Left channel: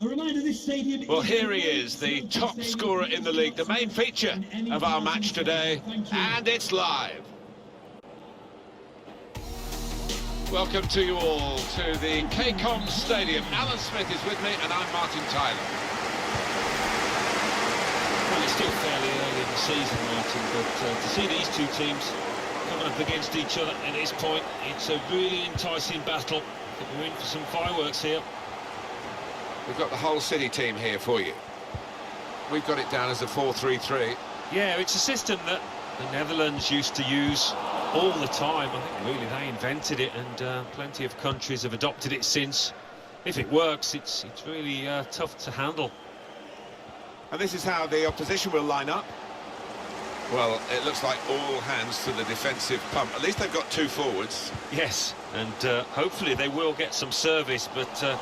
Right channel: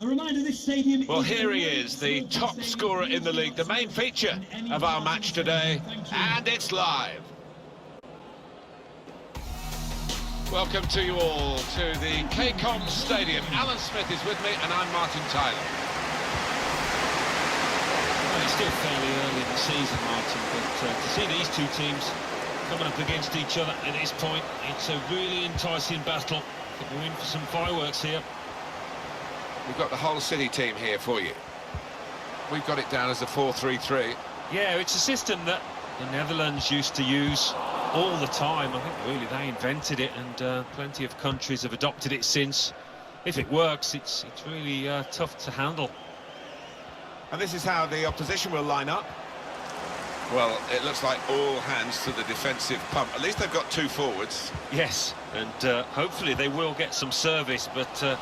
A reminder, this stadium. Well, here he is, the top scorer in the league, the main feature of our match today, and it's live. Welcome to you all to the KCOM Stadium. Alan Smith is with me, and I'm Martin Tyler. Well, it's still fairly early in the season, Martin, but to see these two teams coming up against each other at this point, it's a really enticing battle. I think we're in for some fireworks here. We've got the whole City team here for you. We've got it down as a 4-3-3. Yeah, it's a system that the Netherlands used to use all the time. I think really they invented it, and plenty of countries have adopted it since. If it works, it's really tough to handle. And this is how the opposition will line up. Well, it looks like all hands to the defensive pump. At least they've got two forwards. Yes, and hopefully they will get some service, but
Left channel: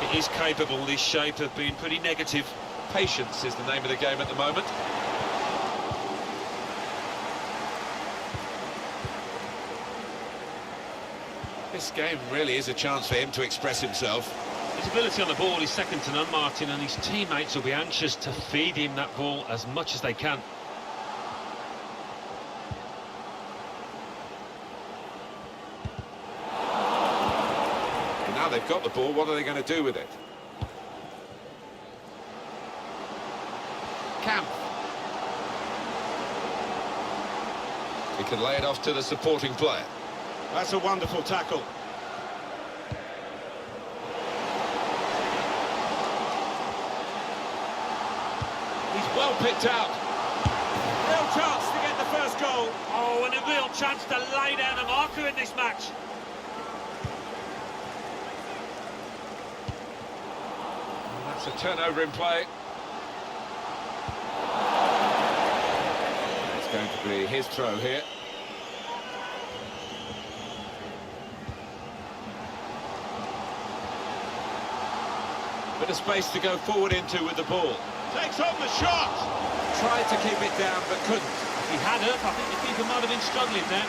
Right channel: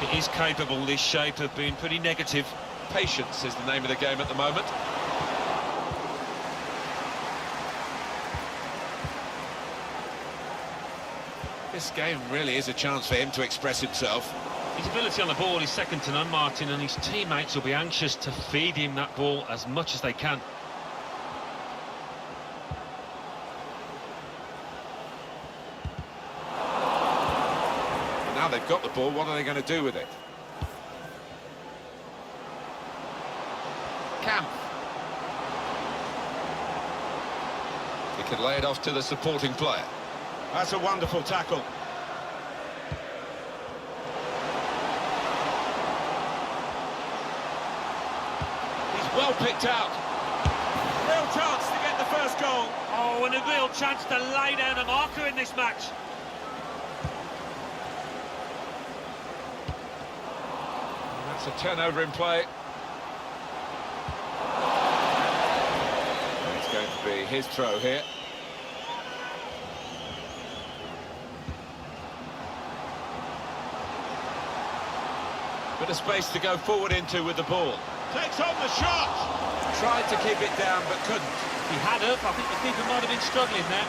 it is capable, this shape, of being pretty negative. Patience is the name of the game at the moment. This game really is a chance for him to express himself. His ability on the ball is second to none, Martin, and his teammates will be anxious to feed him that ball as much as they can. Now they've got the ball, what are they going to do with it? Camp. He can lay it off to the supporting player. That's a wonderful tackle. He's well picked out. Real chance to get the first goal. Oh, and a real chance to lay down a marker in this match. That's a turnover in play. And it's going to be his throw here. Bit of space to go forward into with the ball. Takes on the shot! Tried to keep it down, but couldn't. If he had it, I think the keeper might have been struggling there.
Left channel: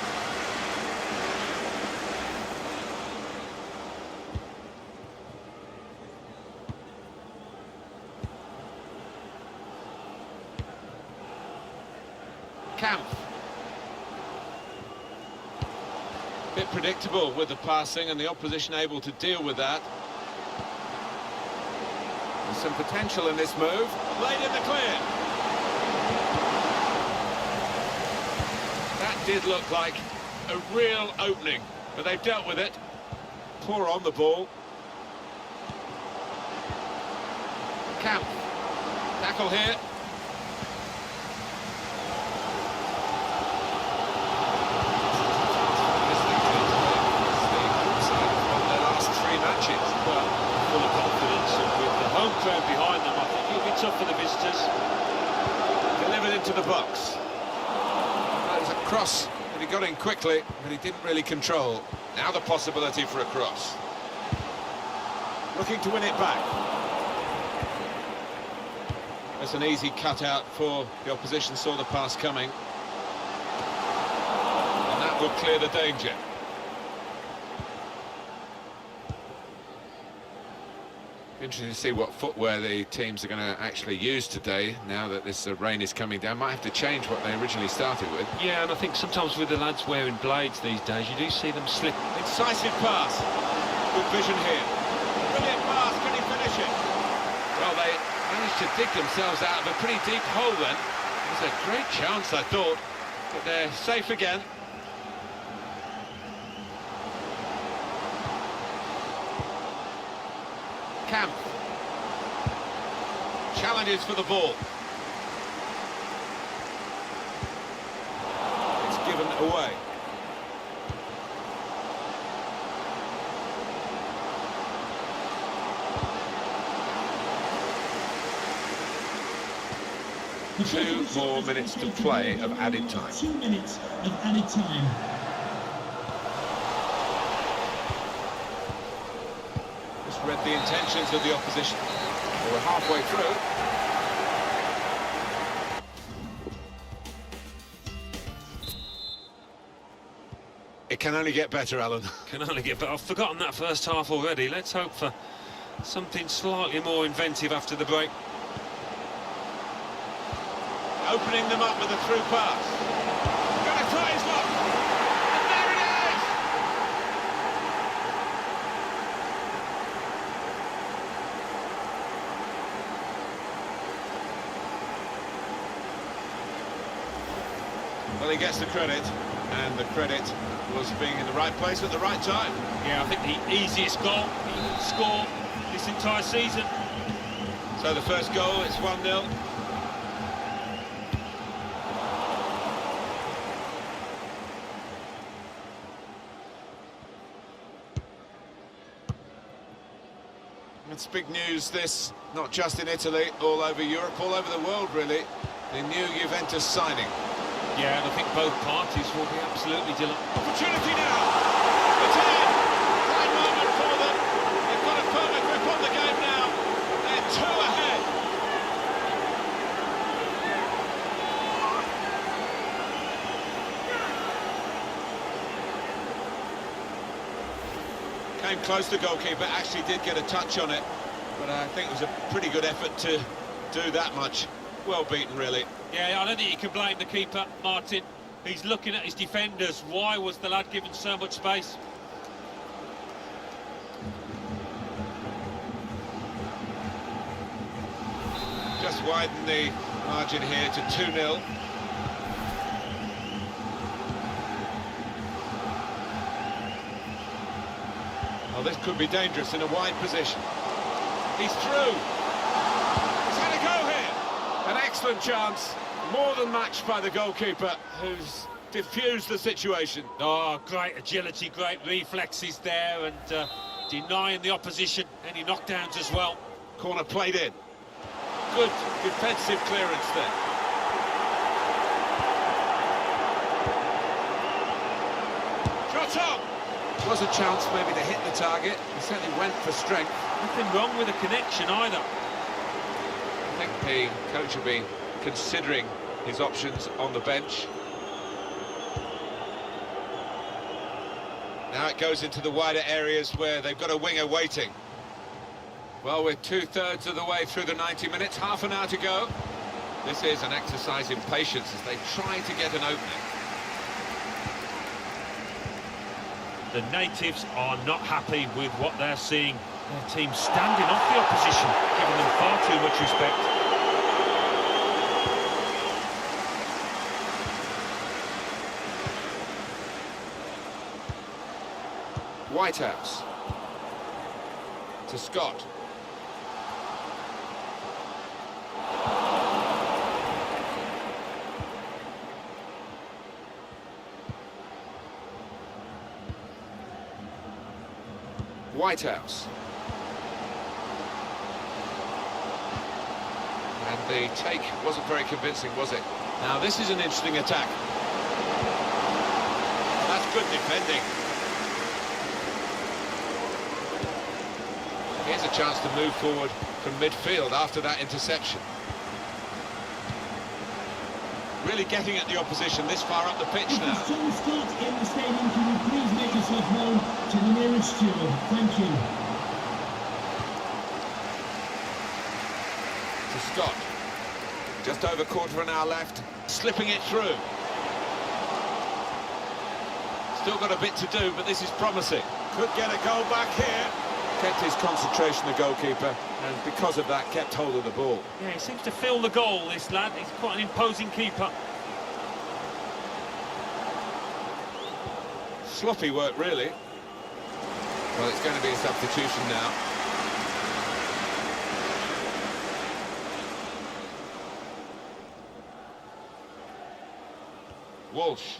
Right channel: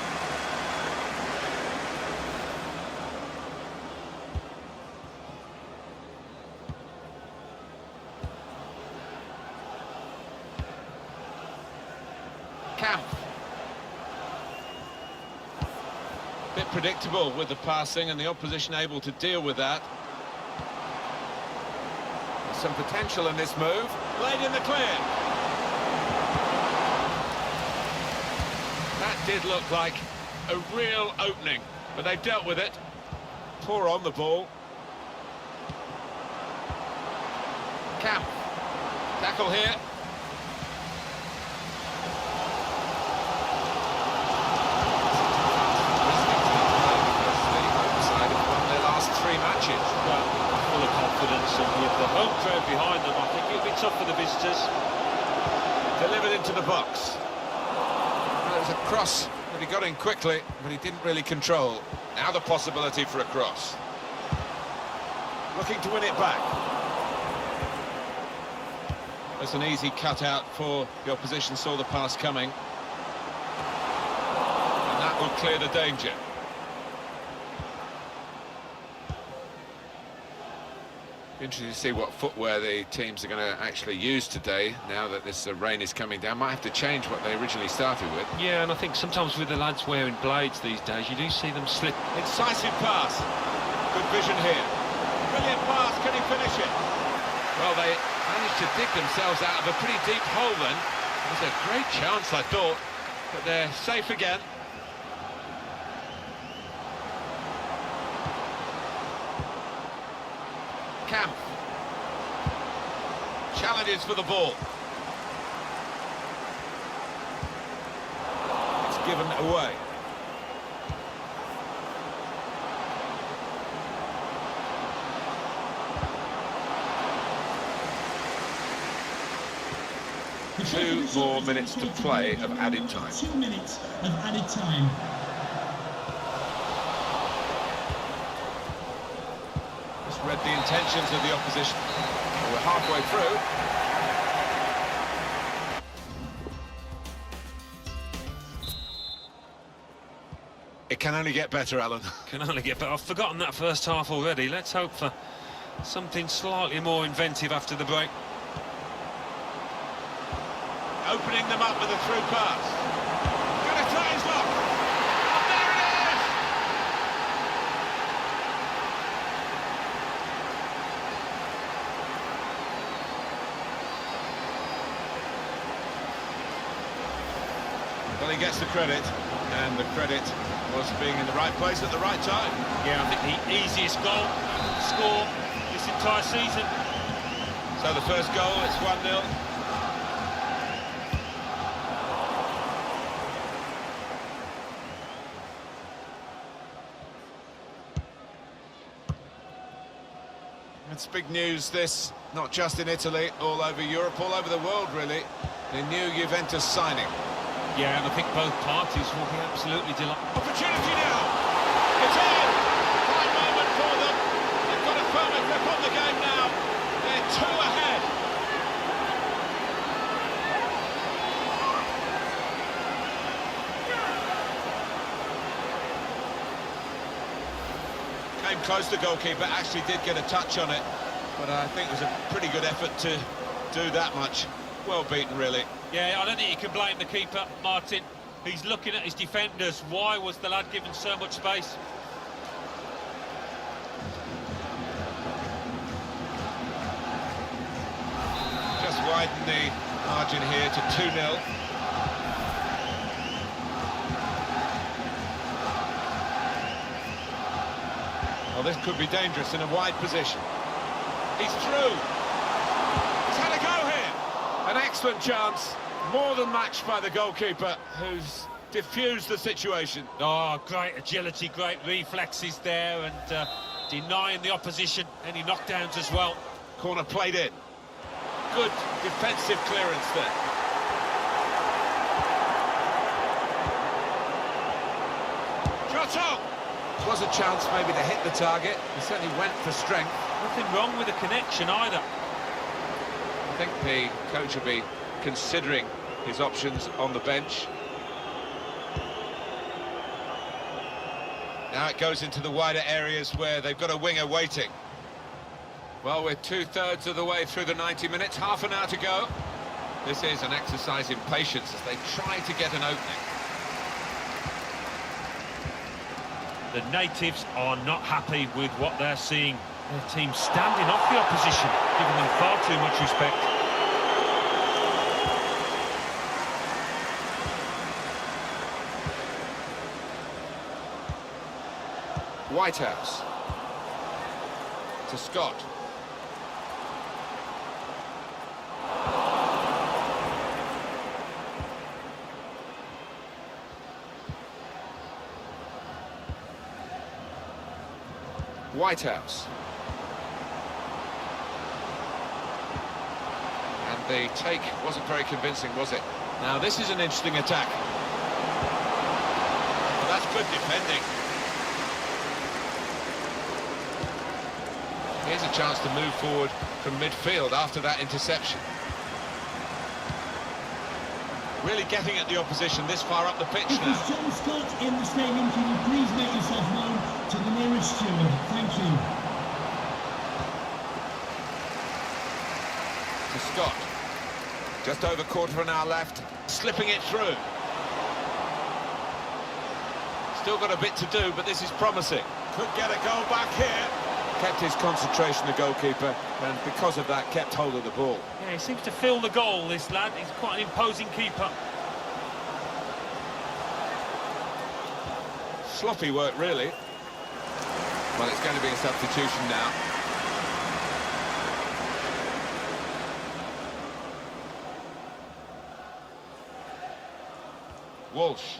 Camp. Bit predictable with the passing and the opposition able to deal with that. There's some potential in this move. Played in the clear. That did look like a real opening, but they've dealt with it. Poor on the ball. Camp. Tackle here. Matches. Well, full of confidence, and with the home crowd behind them, I think it'll be tough for the visitors. Delivered into the box. Well, it was a cross that he got in quickly, but he didn't really control. Now the possibility for a cross. Looking to win it back. That's an easy cutout for the opposition, saw the pass coming. And that will clear the danger. Interesting to see what footwear the teams are going to actually use today, now that this rain is coming down. Might have to change what they originally started with. Yeah, and I think sometimes with the lads wearing blades these days, you do see them slip. Incisive pass. Good vision here. Brilliant pass, can he finish it? Well, they managed to dig themselves out of a pretty deep hole then. It was a great chance, I thought, but they're safe again. Camp. Challenges for the ball. It's given away. Two more minutes to play of added time. 2 minutes of added time. Just read the intentions of the opposition. Well, we're halfway through. It can only get better, Alan. Can only get better. I've forgotten that first half already. Let's hope for something slightly more inventive after the break. Opening them up with a through pass. Gonna try his luck. And there it is! Well, he gets the credit, and the credit was being in the right place at the right time. Yeah, I think the easiest goal he will score this entire season. So the first goal, it's 1-0. It's big news, this, not just in Italy, all over Europe, all over the world, really. The new Juventus signing. Yeah, and I think both parties will be absolutely delighted. Opportunity now! It's in! Fine moment for them. They've got a firmer grip on the game now. They're 2 ahead. Came close, the goalkeeper, actually did get a touch on it, but I think it was a pretty good effort to do that much. Well beaten, really. Yeah, I don't think you can blame the keeper, Martin. He's looking at his defenders. Why was the lad given so much space? Just widen the margin here to 2-0. Well, this could be dangerous in a wide position. He's through. He's had a go here. An excellent chance. More than matched by the goalkeeper, who's diffused the situation. Oh, great agility, great reflexes there, and denying the opposition any knockdowns as well. Corner played in. Good defensive clearance there. Shot on! Was a chance maybe to hit the target. He certainly went for strength. Nothing wrong with the connection either. I think the coach will be considering his options on the bench. Now it goes into the wider areas where they've got a winger waiting. Well, we're 2/3 of the way through the 90 minutes, half an hour to go. This is an exercise in patience as they try to get an opening. The natives are not happy with what they're seeing. Their team standing off the opposition, giving them far too much respect. Whitehouse. To Scott. Whitehouse. And the take wasn't very convincing, was it? Now this is an interesting attack. Oh, that's good defending. Here's a chance to move forward from midfield after that interception. Really getting at the opposition this far up the pitch If now. there's John Scott in the stadium, can you please make yourself known to the nearest steward? Thank you. To Scott. Just over quarter of an hour left. Slipping it through. Still got a bit to do, but this is promising. Could get a goal back here. Kept his concentration, the goalkeeper, and because of that, kept hold of the ball. Yeah, he seems to feel the goal, this lad. He's quite an imposing keeper. Sloppy work, really. Well, it's going to be a substitution now. Walsh.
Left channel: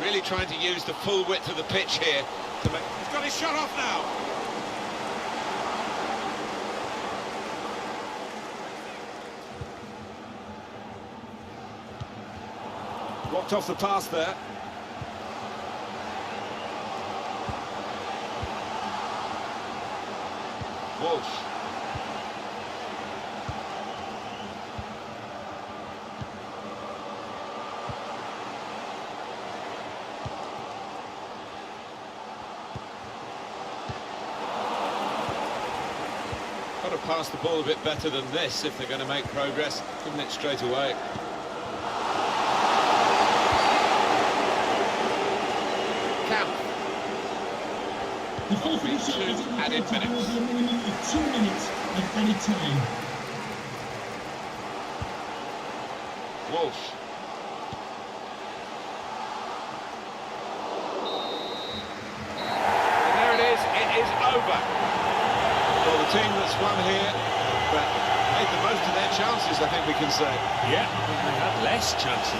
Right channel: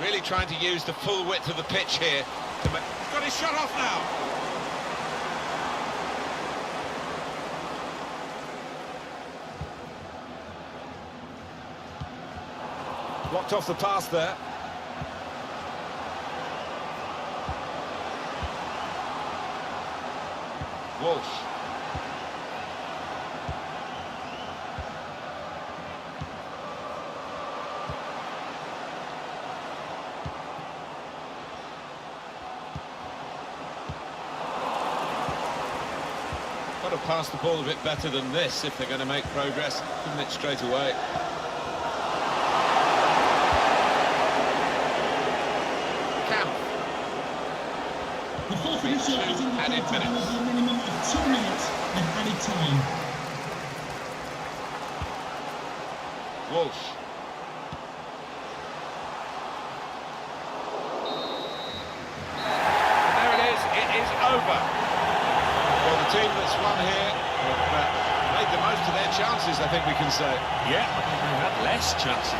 Really trying to use the full width of the pitch here to make... He's got his shot off now. Blocked off the pass there. Walsh. Got to pass the ball a bit better than this if they're going to make progress. Giving it straight away. Camp. The fourth official has indicated there will be a minimum of 2 minutes of added time. Walsh. And there it is over. Well, the team that's won here have made the most of their chances, I think we can say. Yeah, I think they had less chances.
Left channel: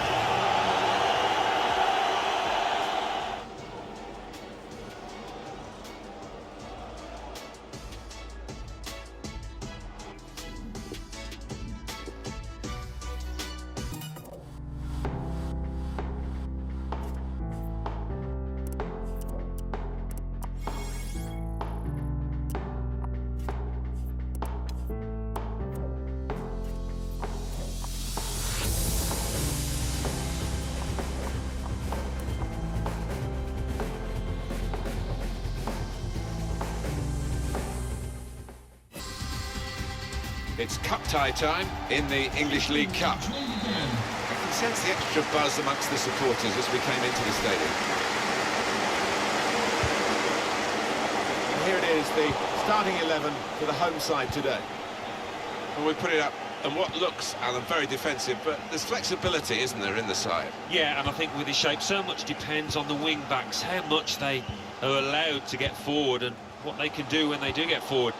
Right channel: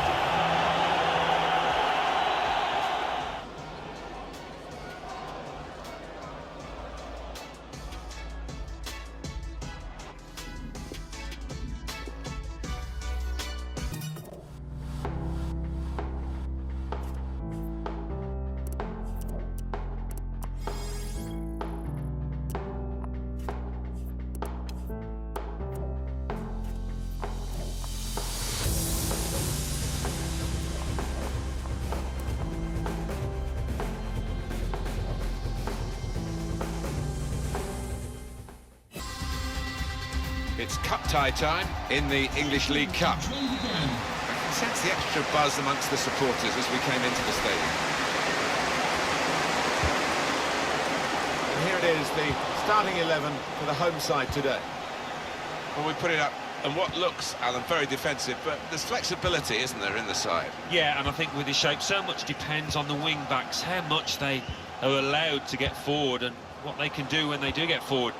It's cup tie time in the English League Cup. I can sense the extra buzz amongst the supporters as we came into the stadium. And here it is, the starting 11 for the home side today. Well, we put it up, and what looks, Alan, very defensive, but there's flexibility, isn't there, in the side? Yeah, and I think with his shape, so much depends on the wing-backs, how much they are allowed to get forward and what they can do when they do get forward.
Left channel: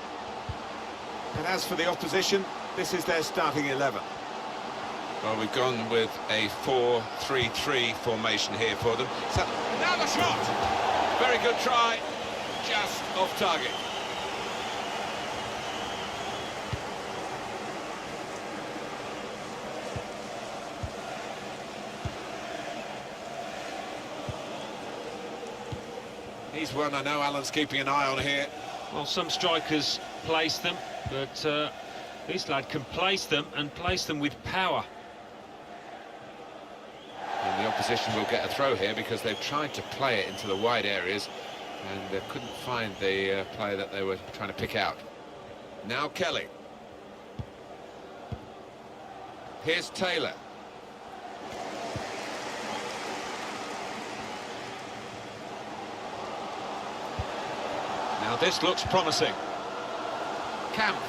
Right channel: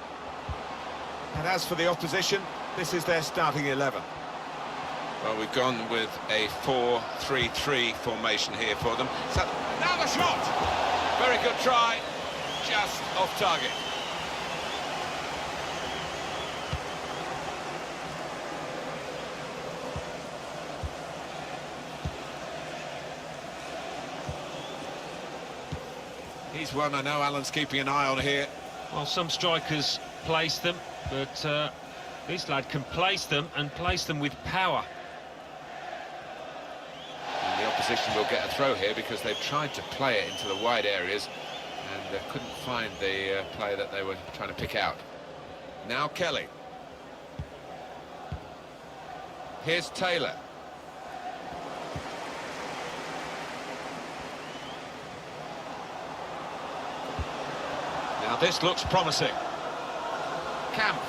And as for the opposition, this is their starting 11. Well, we've gone with a 4-3-3 formation here for them. So, now the shot! Very good try, just off target. He's one I know Alan's keeping an eye on here. Well, some strikers place them, but this lad can place them and place them with power. And the opposition will get a throw here because they've tried to play it into the wide areas and couldn't find the player that they were trying to pick out. Now Kelly. Here's Taylor. Now this looks promising. Camp.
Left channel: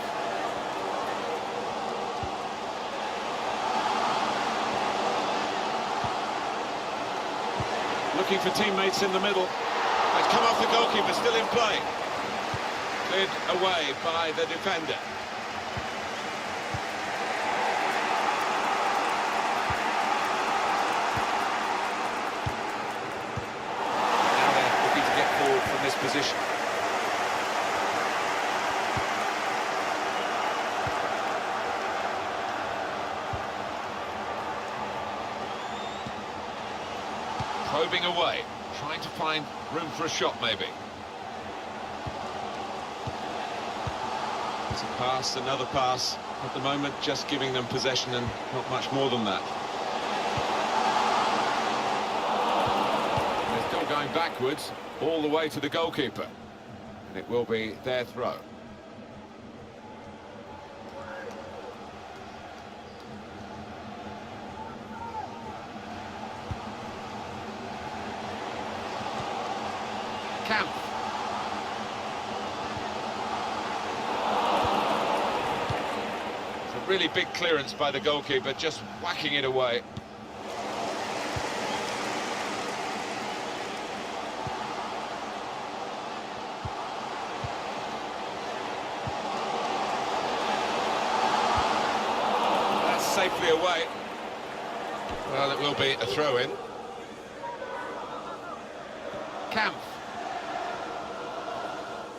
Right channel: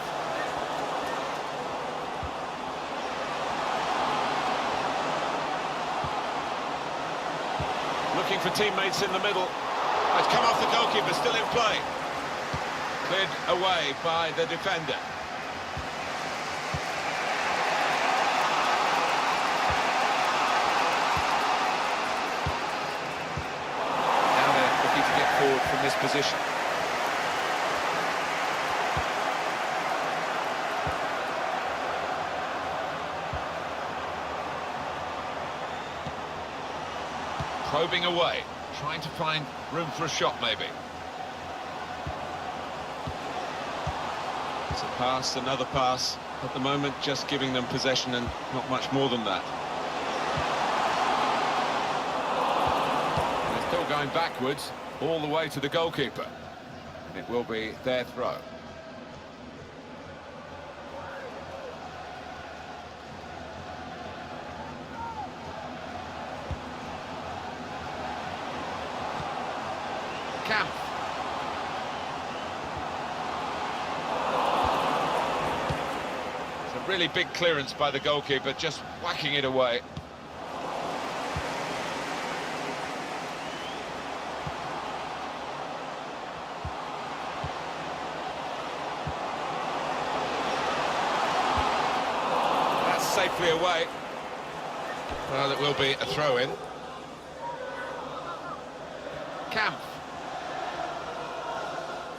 Looking for teammates in the middle. It's come off the goalkeeper, still in play. Cleared away by the defender. Now they're looking to get forward from this position. Probing away, trying to find room for a shot maybe. It's a pass, another pass. At the moment, just giving them possession and not much more than that. And they're still going backwards, all the way to the goalkeeper. And it will be their throw. Camp. It's a really big clearance by the goalkeeper, just whacking it away. That's safely away. Well, it will be a throw-in. Camp.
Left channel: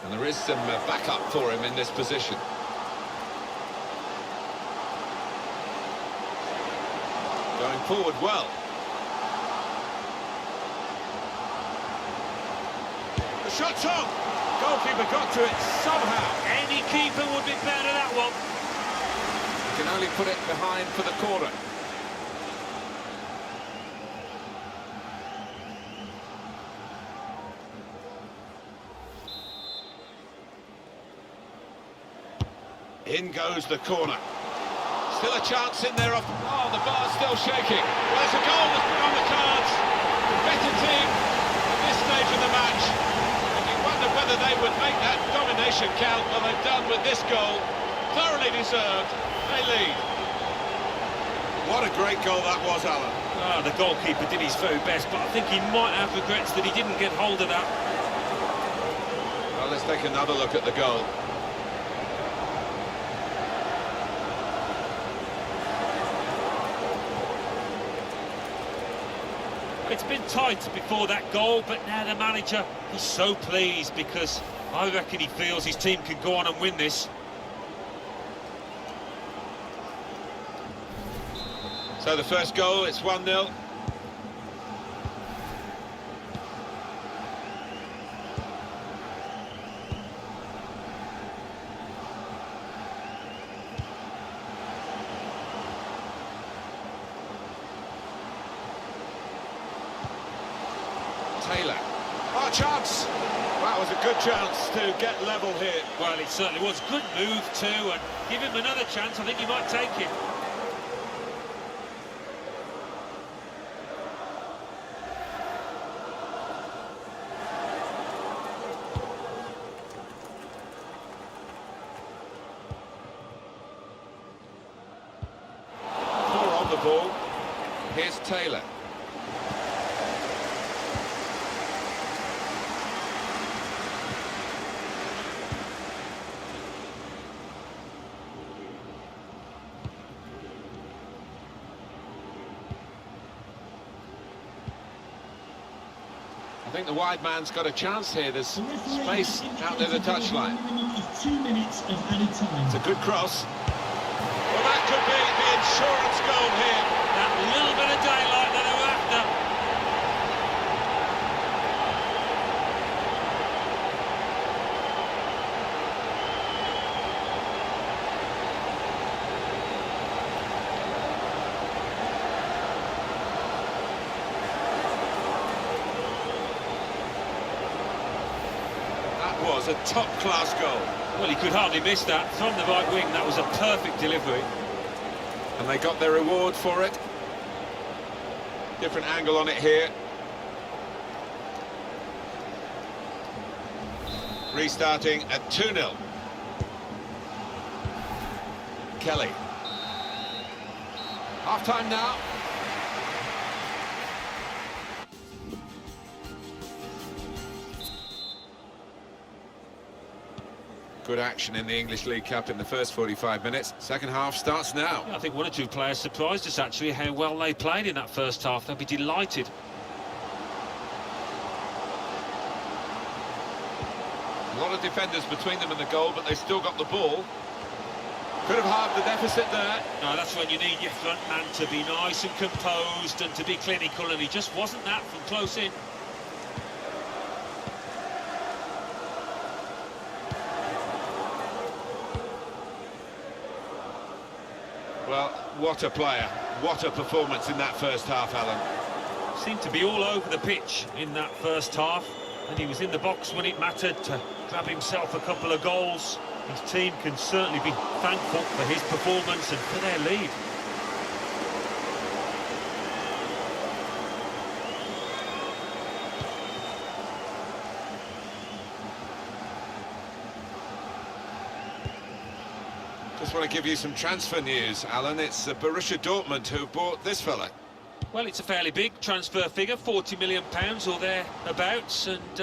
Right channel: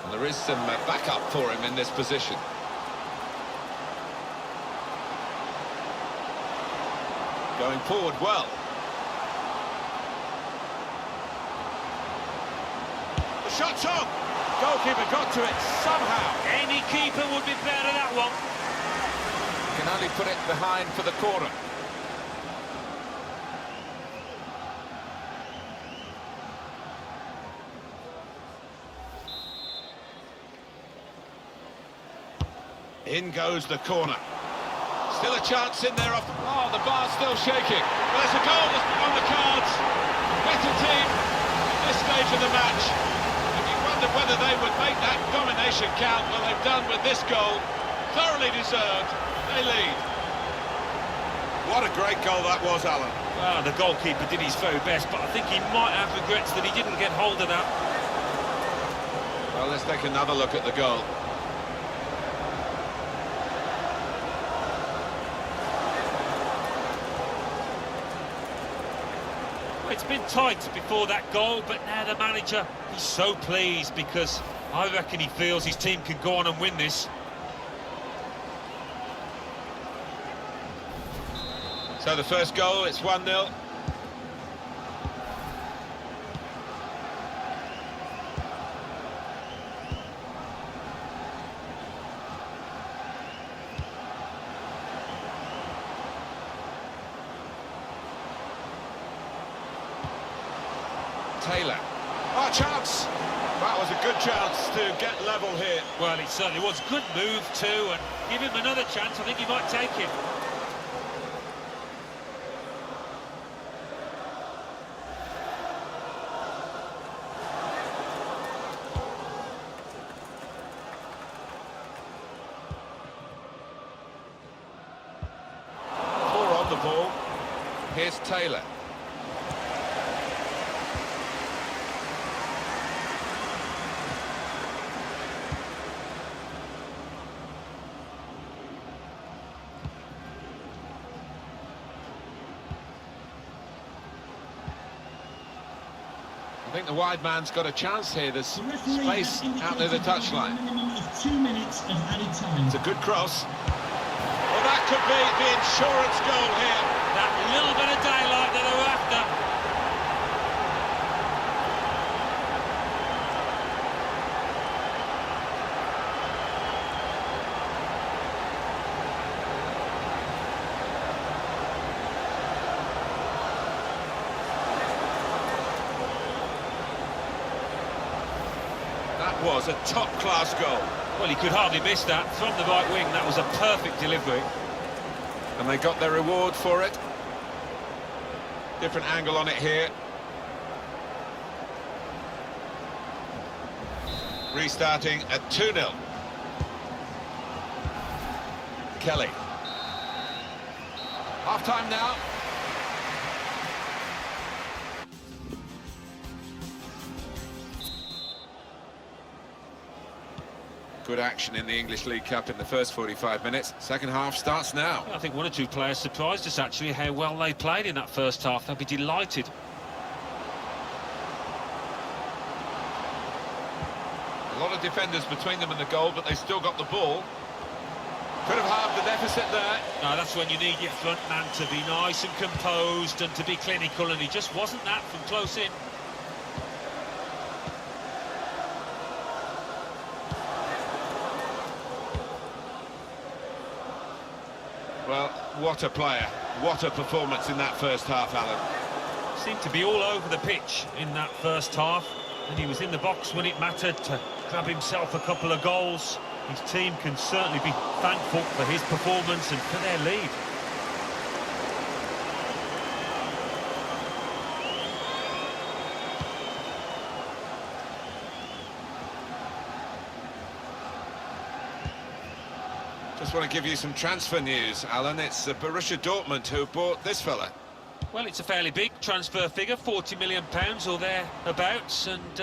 And there is some backup for him in this position. Going forward well. The shot's on! Goalkeeper got to it somehow. Any keeper would be proud of that one. He can only put it behind for the corner. In goes the corner. Still a chance in there off the... Oh, the bar's still shaking. Well, it's a goal that's been on the cards. The better team at this stage of the match. And you wonder whether they would make that domination count. Well, they've done with this goal. Thoroughly deserved. They lead. What a great goal that was, Alan. Well, the goalkeeper did his very best, but I think he might have regrets that he didn't get hold of that. Well, let's take another look at the goal. It's been tight before that goal, but now the manager, he's so pleased because I reckon he feels his team can go on and win this. So the first goal, it's 1-0. Taylor. Oh, chance! That was a good chance to get level here. Well, it certainly was. Good move too, and give him another chance. I think he might take it. Four on the ball. Here's Taylor. I think the wide man's got a chance here. There's space out near the touchline. Minimum of 2 minutes of added time. It's a good cross. Well, that could be the insurance goal here. That little bit of daylight that they were after. That was a top-class goal. Well, he could hardly miss that. From the right wing, that was a perfect delivery. And they got their reward for it. Different angle on it here. Restarting at 2-0. Kelly. Half-time now. Good action in the English League Cup in the first 45 minutes. Second half starts now. Yeah, I think one or two players surprised us, actually, how well they played in that first half. They'll be delighted. A lot of defenders between them and the goal, but they still got the ball. Could have halved the deficit there. No, that's when you need your front man to be nice and composed and to be clinical, and he just wasn't that from close in. Well, what a player. What a performance in that first half, Alan. Seemed to be all over the pitch in that first half, and he was in the box when it mattered to grab himself a couple of goals. His team can certainly be thankful for his performance and for their lead. Just want to give you some transfer news, Alan. It's Borussia Dortmund who bought this fella. Well, it's a fairly big transfer figure, £40 million or thereabouts, and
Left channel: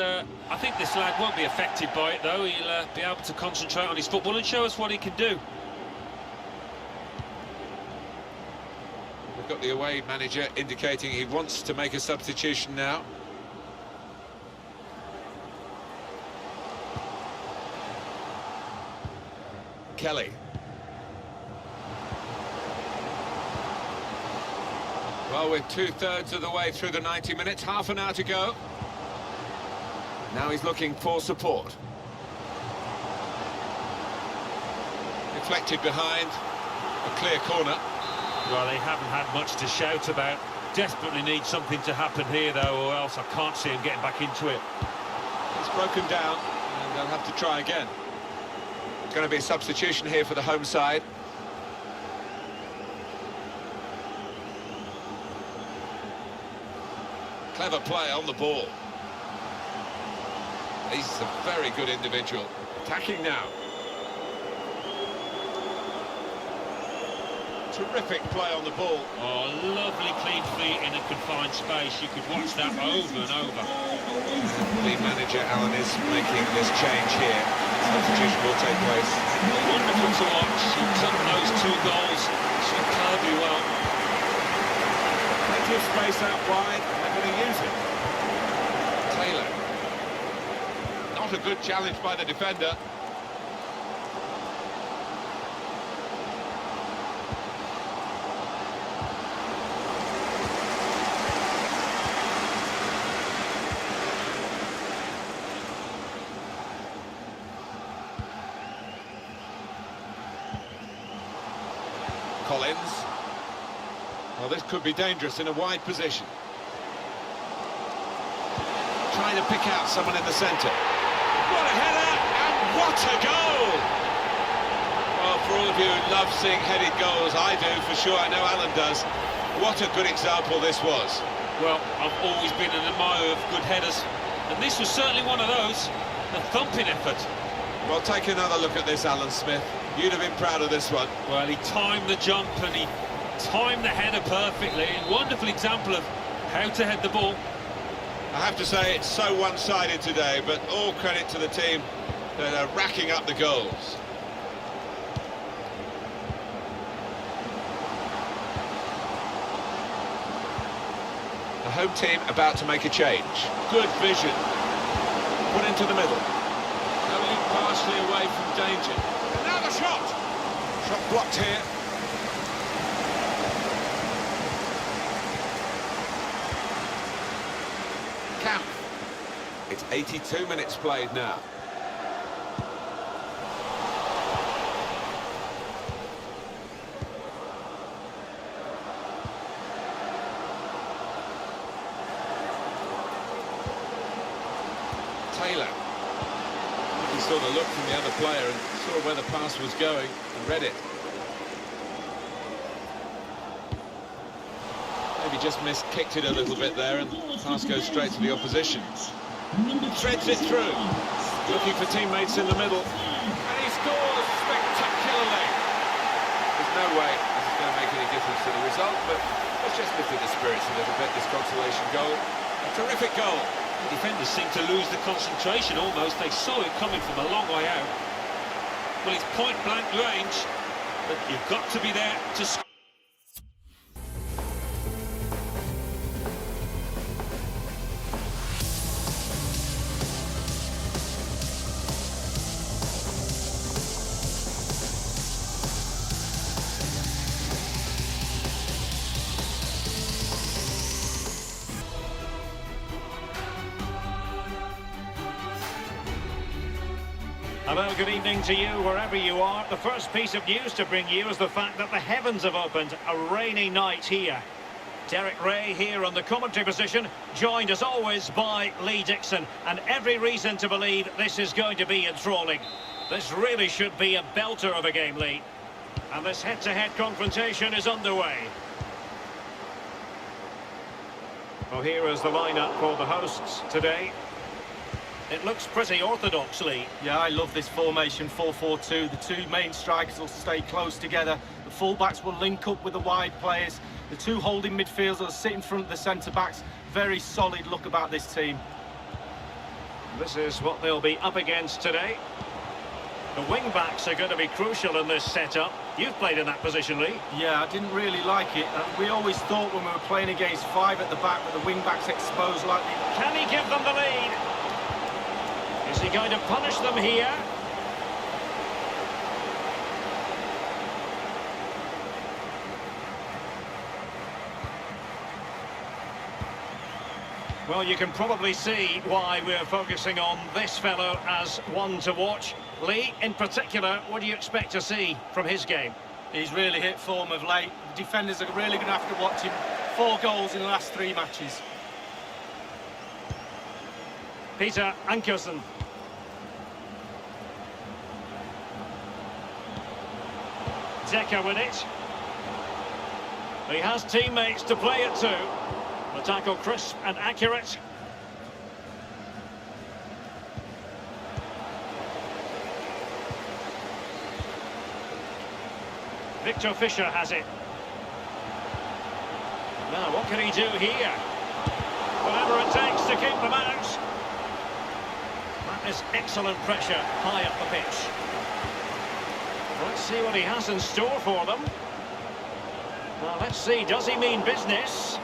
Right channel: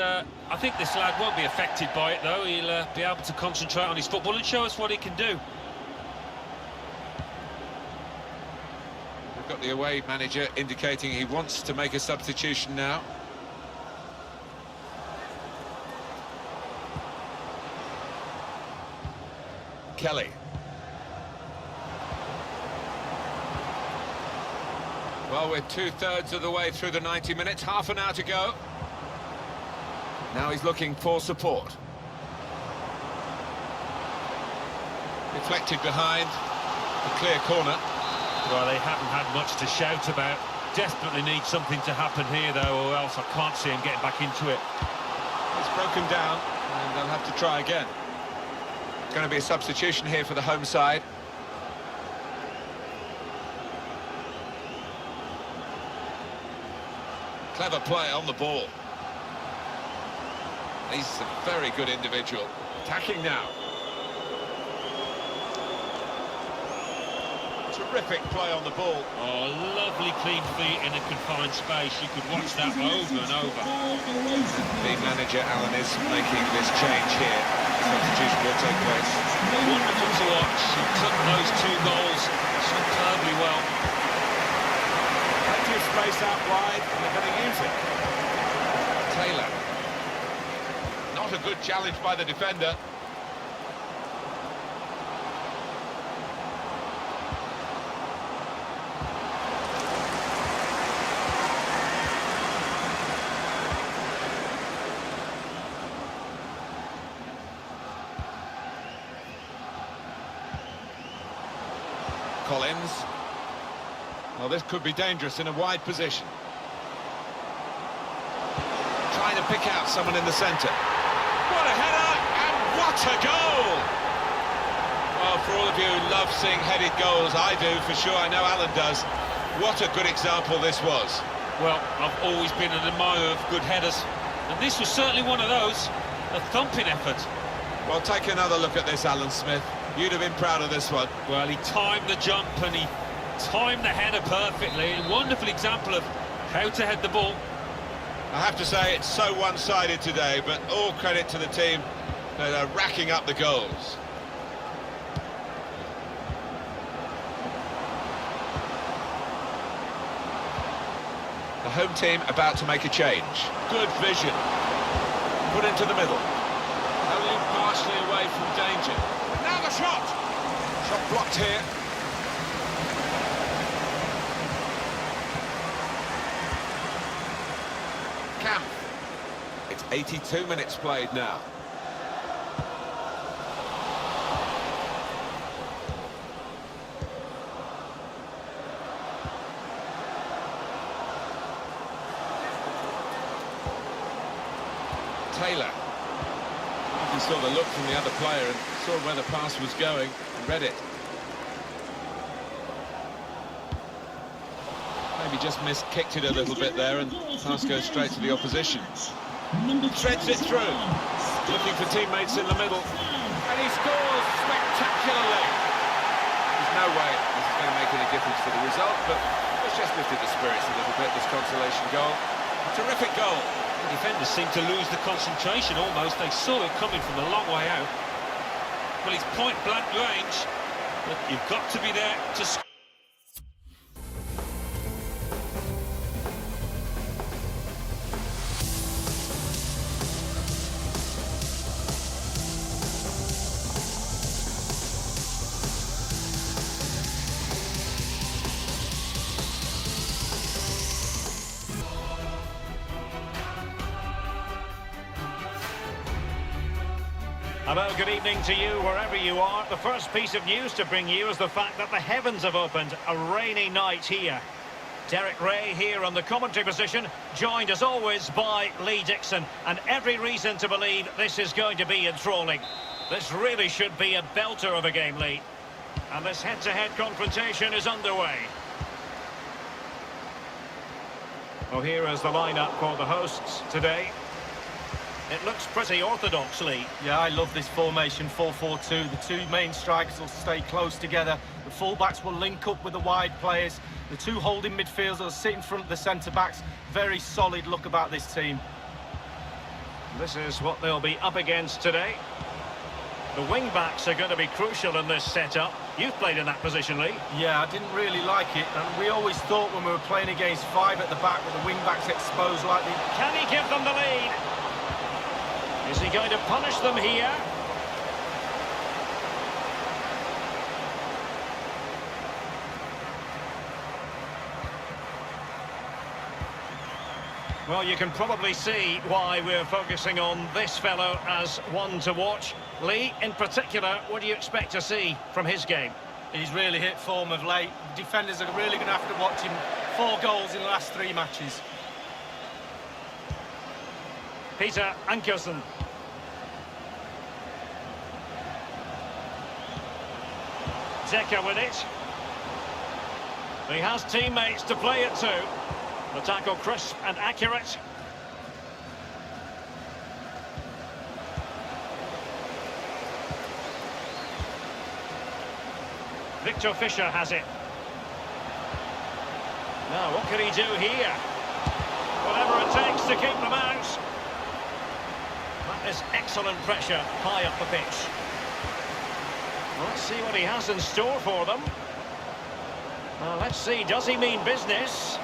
I think this lad won't be affected by it, though. He'll be able to concentrate on his football and show us what he can do. We've got the away manager indicating he wants to make a substitution now. Kelly. Well, we're two-thirds of the way through the 90 minutes, half an hour to go. Now he's looking for support. Deflected behind, a clear corner. Well, they haven't had much to shout about. Desperately need something to happen here, though, or else I can't see him getting back into it. It's broken down, and they'll have to try again. Going to be a substitution here for the home side. Clever play on the ball. He's a very good individual. Attacking now. Terrific play on the ball. Oh, lovely clean feet in a confined space. You could watch that over and over. The manager, Alan, is making this change here. Substitution will take place. Wonderful to watch. He took those 2 goals superbly well. Plenty of space out wide, and they're going to use it. Taylor. Not a good challenge by the defender. Collins. Well, this could be dangerous in a wide position. Trying to pick out someone in the centre. What a header, and what a goal! Well, for all of you who love seeing headed goals, I do, for sure, I know Alan does. What a good example this was. Well, I've always been an admirer of good headers, and this was certainly one of those. A thumping effort. Well, take another look at this, Alan Smith. You'd have been proud of this one. Well, he timed the jump and he timed the header perfectly. A wonderful example of how to head the ball. I have to say, it's so one-sided today, but all credit to the team that are racking up the goals. The home team about to make a change. Good vision. Put into the middle. Only partially away from danger. And now the shot! Shot blocked here. Camp. It's 82 minutes played now. Taylor. He saw the look from the other player and saw where the pass was going and read it. Maybe just kicked it a little bit there, and pass goes straight to the opposition. Threads it through, looking for teammates in the middle, and he scores spectacularly. There's no way this is going to make any difference to the result, but it's just lifted the spirits a little bit, this consolation goal. A terrific goal. The defenders seemed to lose the concentration almost. They saw it coming from a long way out. Well, it's point-blank range, but you've got to be there to score. Hello, good evening to you wherever you are. The first piece of news to bring you is the fact that the heavens have opened. A rainy night here. Derek Ray here on the commentary position, joined as always by Lee Dixon, and every reason to believe this is going to be enthralling. This really should be a belter of a game, Lee. And this head-to-head confrontation is underway. Well, here is the lineup for the hosts today. It looks pretty orthodox, Lee. Yeah, I love this formation, 4-4-2. The two main strikers will stay close together. The full-backs will link up with the wide players. The two holding midfielders will sit in front of the centre-backs. Very solid look about this team. This is what they'll be up against today. The wing-backs are going to be crucial in this setup. You've played in that position, Lee. Yeah, I didn't really like it. We always thought when we were playing against five at the back with the wing-backs exposed like the... Can he give them the lead? Is he going to punish them here? Well, you can probably see why we're focusing on this fellow as one to watch. Lee, in particular, what do you expect to see from his game? He's really hit form of late. The defenders are really going to have to watch him. 4 goals in the last 3 matches. Peter Ankersen. Zeka with it. He has teammates to play it to. The tackle crisp and accurate. Victor Fisher has it. Now, what can he do here? Whatever it takes to keep them out. That is excellent pressure high up the pitch. Let's see what he has in store for them. Well, let's see, does he mean business?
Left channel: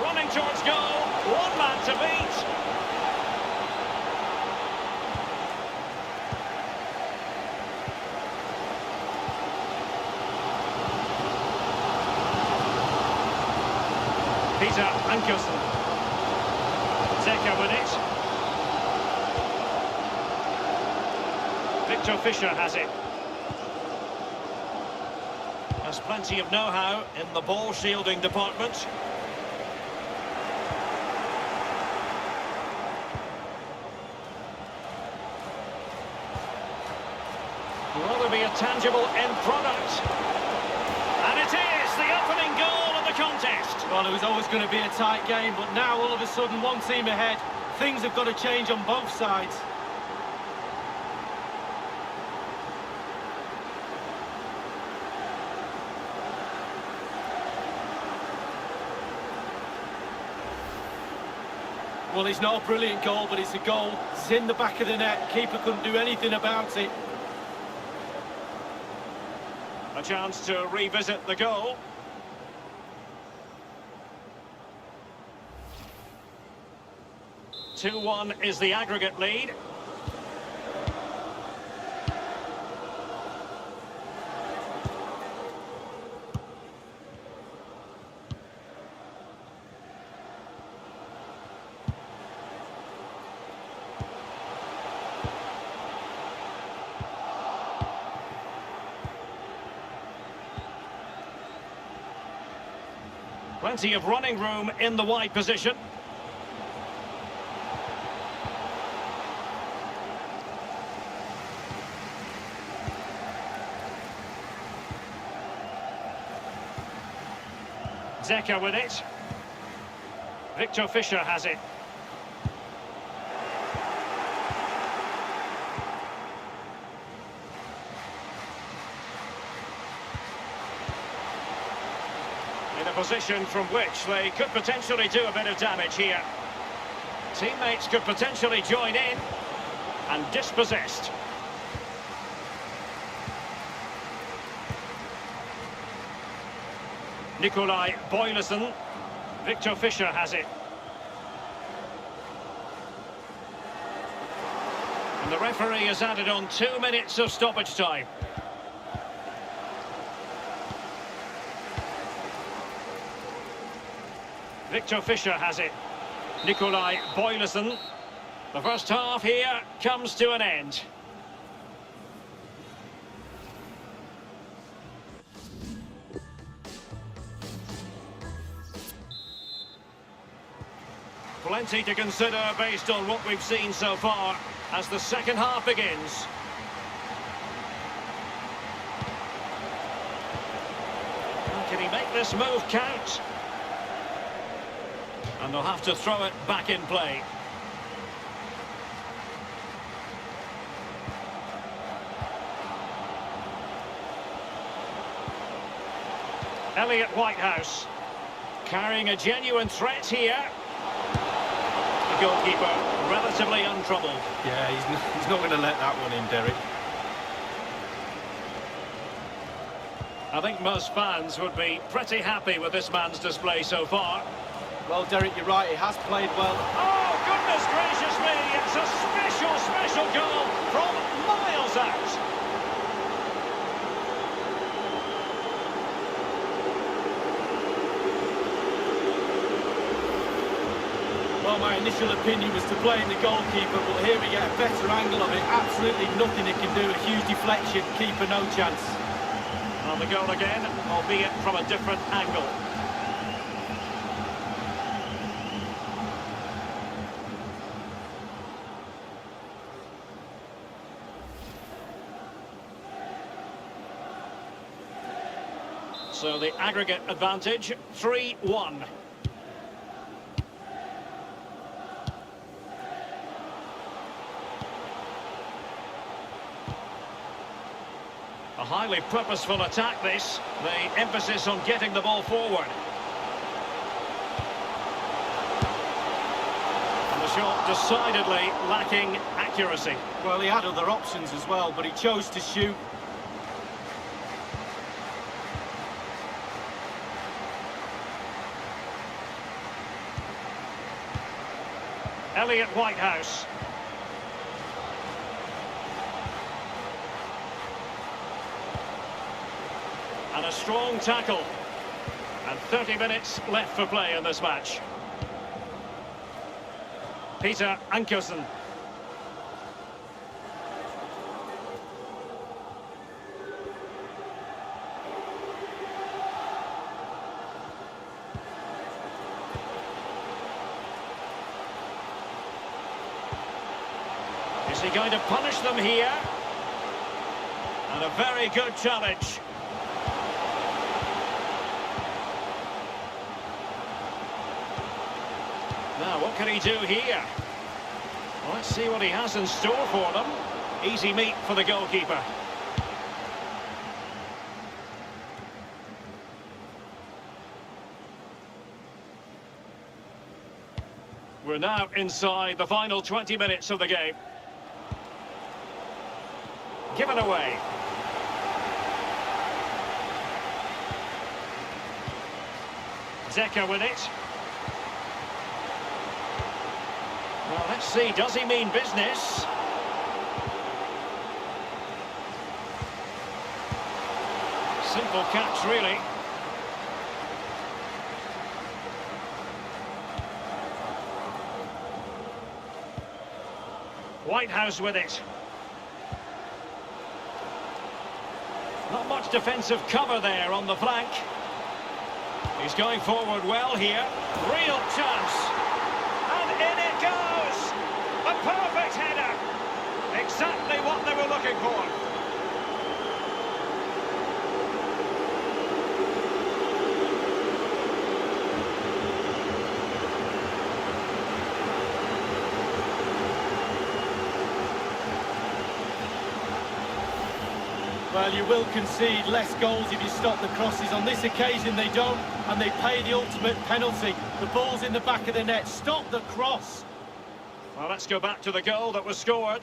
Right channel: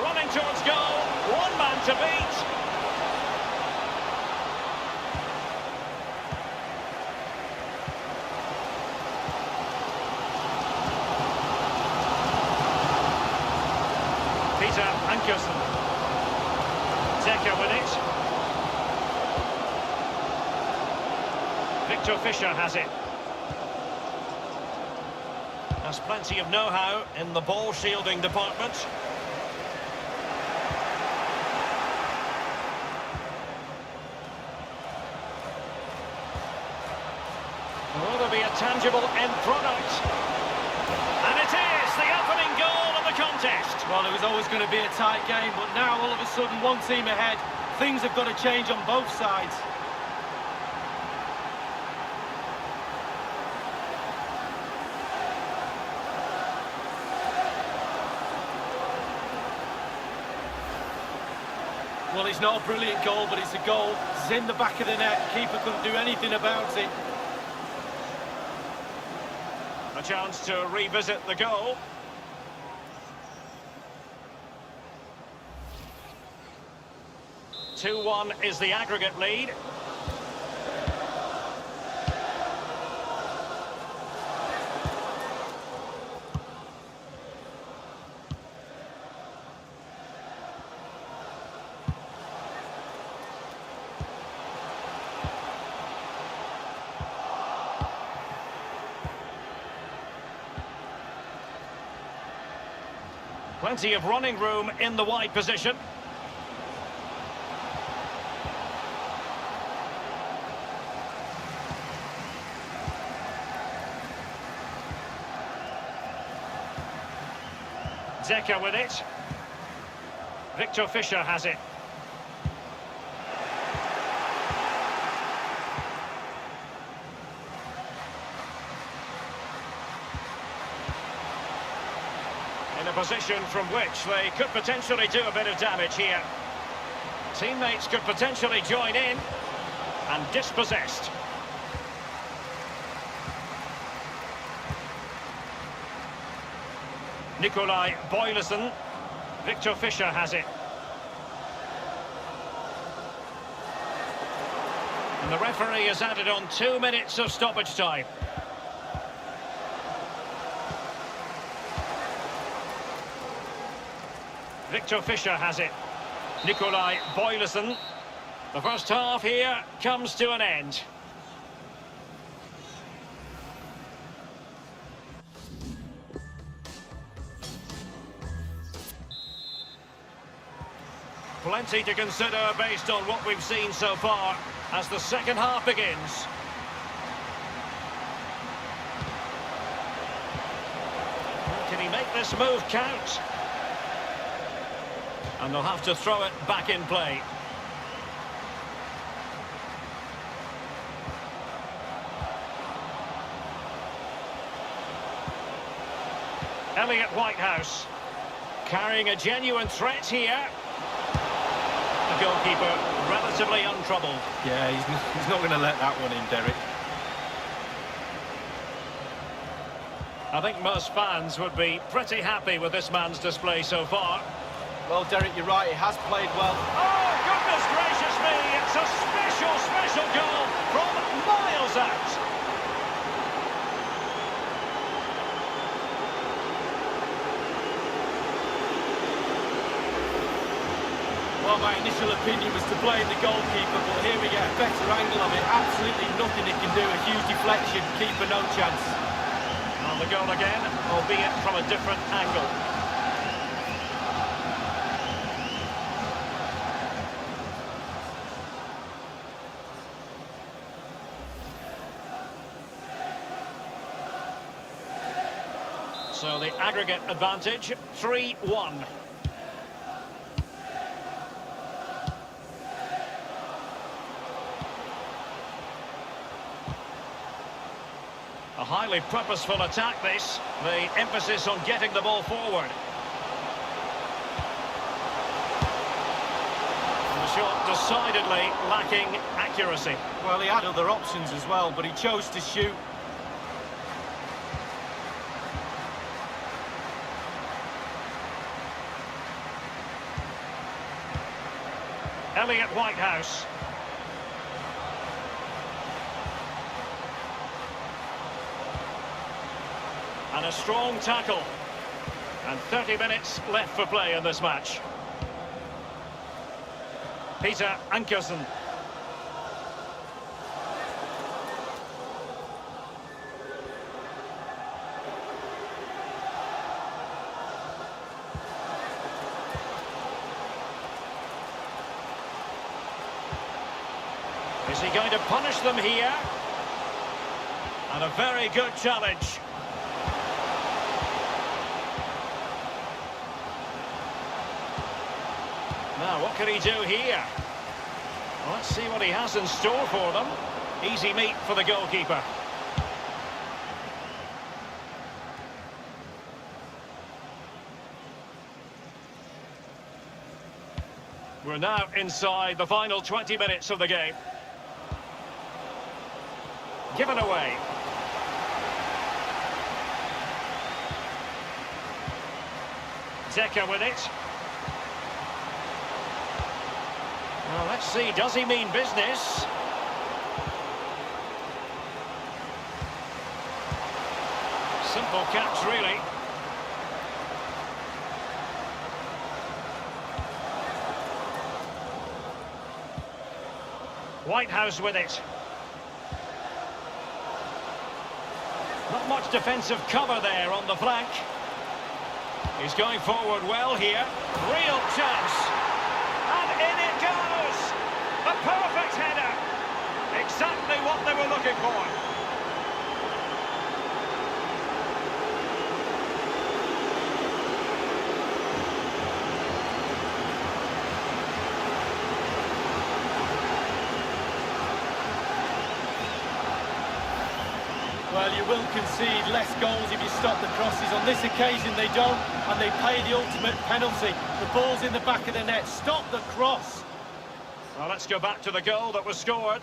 Running towards goal, one man to beat. Peter Ankersen. Zeka with it. Victor Fisher has it. Has plenty of know-how in the ball shielding department. Will there be a tangible end product? And it is the opening goal of the contest. Well, it was always going to be a tight game, but now all of a sudden one team ahead. Things have got to change on both sides. Well, it's not a brilliant goal, but it's a goal. It's in the back of the net. Keeper couldn't do anything about it. A chance to revisit the goal. Two-one is the aggregate lead. Plenty of running room in the wide position. Zeka with it. Victor Fisher has it. In a position from which they could potentially do a bit of damage here. Teammates could potentially join in and dispossessed. Nikolai Boylussen. Victor Fisher has it. And the referee has added on 2 minutes of stoppage time. Victor Fisher has it. Nikolai Boylussen. The first half here comes to an end. Plenty to consider based on what we've seen so far as the second half begins. Can he make this move count? And they'll have to throw it back in play. Elliot Whitehouse carrying a genuine threat here. The goalkeeper relatively untroubled. Yeah, he's not going to let that one in, Derek. I think most fans would be pretty happy with this man's display so far. Well, Derek, you're right, he has played well. Oh, goodness gracious me! It's a special, special goal from miles out. Well, my initial opinion was to blame the goalkeeper, but here we get a better angle of it. Absolutely nothing he can do. A huge deflection, keeper no chance. Well, the goal again, albeit from a different angle. So the aggregate advantage, 3-1. A highly purposeful attack this, the emphasis on getting the ball forward. And the shot decidedly lacking accuracy. Well, he had other options as well, but he chose to shoot. Elliot Whitehouse. And a strong tackle. And 30 minutes left for play in this match. Peter Ankersen. Is he going to punish them here? And a very good challenge. Now, what can he do here? Well, let's see what he has in store for them. Easy meat for the goalkeeper. We're now inside the final 20 minutes of the game. Given away. Zeka with it. Well, let's see, does he mean business? Simple catch, really. Whitehouse with it. Not much defensive cover there on the flank. He's going forward well here. Real chance. And in it goes! A perfect header! Exactly what they were looking for. Well, you will concede less goals if you stop the crosses. On this occasion, they don't, and they pay the ultimate penalty. The ball's in the back of the net. Stop the cross. Well, let's go back to the goal that was scored.